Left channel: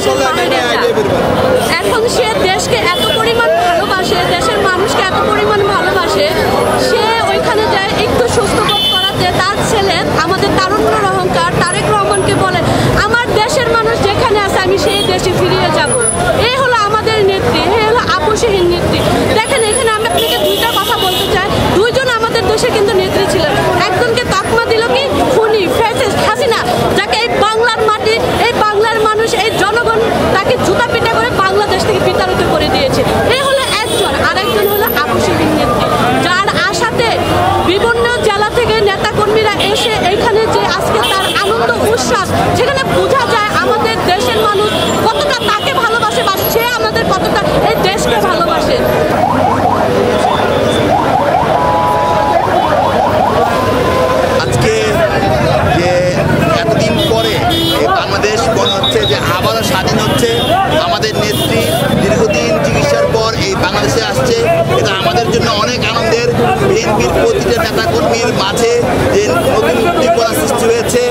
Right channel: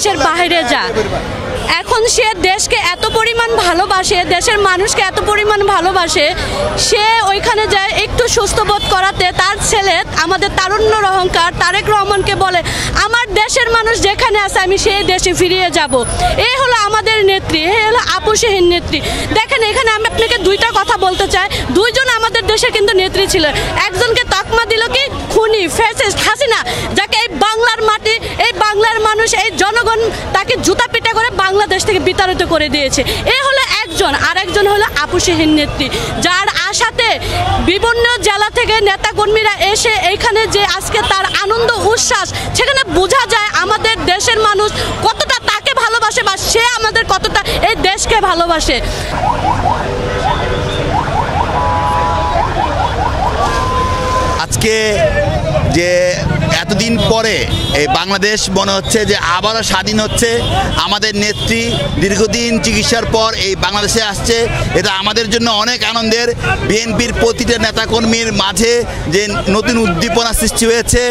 দেশের বাইরে যায়। এখন সে দেশকে এত পরিমাণ ভালোবাসে, দেশের মানুষকে এত পরিমাণ ভালোবাসে, সে ওইখানে যায় একটু সুস্থ বোধ করাতে তার ছেলে আমাদের তারুণ্যের অহংকার তারেক রহমানকে বলে আমার দেশের মানুষ যেখানে আছে আমি সেই দেশে ফিরিয়ে যাব। এই হলো আমাদের নেত্রী, এই হলো আপোষহীন নেত্রী। দেখেন এখানে আমি আপনাকে দুইটা কথা বলতে চাই, দুইজন আমাদের দেশে কিন্তু নেত্রী ছিলেন। একজনকে তকমা দিল কি খুনি ফ্যাসিস্ট হাসিনা, যাকে এই বাংলার মাটি এই বাংলার মানুষ এই জনগণ তাকে জুতা পিটা করে বাংলাদেশ থেকে বিতাড়িত করে দিয়েছে। এই হলো একজন, আরেকজন হলো আপোষহীন নেত্রী, যার আশাতে বিভিন্ন জেলা থেকে নেতা কর্মীরা এসে এখানে যে আজকে তার আনন্দ উচ্ছ্বাস, সেখানে বোঝা যায় আমাদের দেশের মানুষ কতটা তাকে ভালোবাসে বা সে আমাদের কতটা এই দেশকে ভালোবাসে। আজকে যে এতদিন পরে এই বাংলাদেশ মনে হচ্ছে যে আবারও স্বাধীন হচ্ছে, আমাদের নেত্রী দীর্ঘদিন চিকিৎসার পর এই বাংলাদেশে আসছে, এটা আমাদের জন্য অনেক আনন্দের। বিএনপির প্রতিটা নেতাকর্মীর মাঝে যে নতুন উদ্দীপনা সৃষ্টি হয়েছে,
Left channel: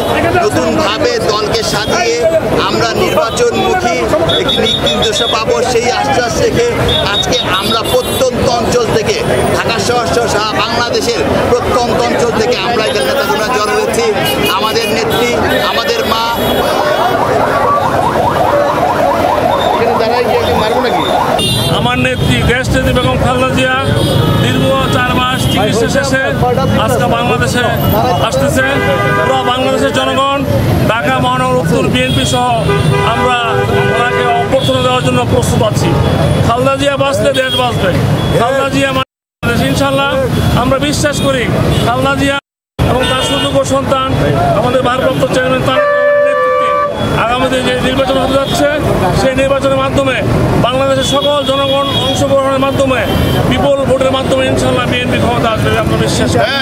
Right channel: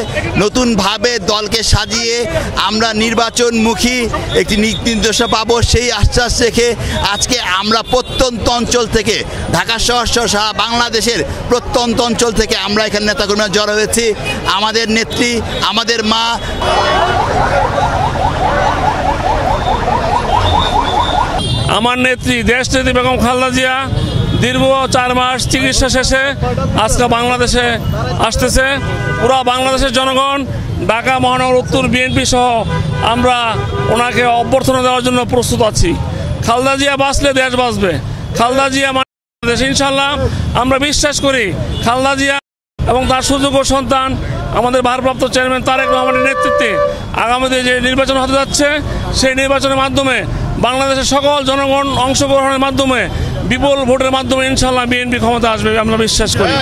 নতুনভাবে দলকে সাজিয়ে আমরা নির্বাচনমুখী একটি নির্দেশনা পাবো, সেই আশ্বাস রেখে আজকে আমরা প্রত্যন্ত অঞ্চল থেকে ঢাকা শহর সহ সারা বাংলাদেশের প্রত্যন্ত অঞ্চল থেকে আমরা এখানে নেতাকর্মীরা জড়ো হয়েছি। আমাদের নেত্রী, আমাদের মা, আমার নেত্রী দেশনেত্রী বেগম খালেদা জিয়া দীর্ঘ 4 মাস চিকিৎসা শেষে আজকে বাংলাদেশে আসতেছে। পুরো বাংলাদেশের জনগণ, ঢাকা মহানগর উত্তর বিএনপি সহ আমরা ওনাকে অভ্যর্থনা দেওয়ার জন্য প্রস্তুত আছি। খালেদা জিয়া বাঁচলে দেশ বাঁচবে, খালেদা জিয়া বাংলাদেশ ইনশাল্লাহ আমরা বিশ্বাস করি। খালেদা জিয়া এবং তার সুযোগ্য সন্তান আমাদের ভারপ্রাপ্ত চেয়ারম্যান তারেক রহমানের নেতৃত্বে আগামীতে যে নির্বাচন হতে যাচ্ছে, সেই নির্বাচনের মাধ্যমে বাংলাদেশের সকল জনগণ অংশগ্রহণের মাধ্যমে বিপুল ভোটের মাধ্যমে ইনশাল্লাহ বিএনপি ক্ষমতা আসবে আমরা বিশ্বাস করি।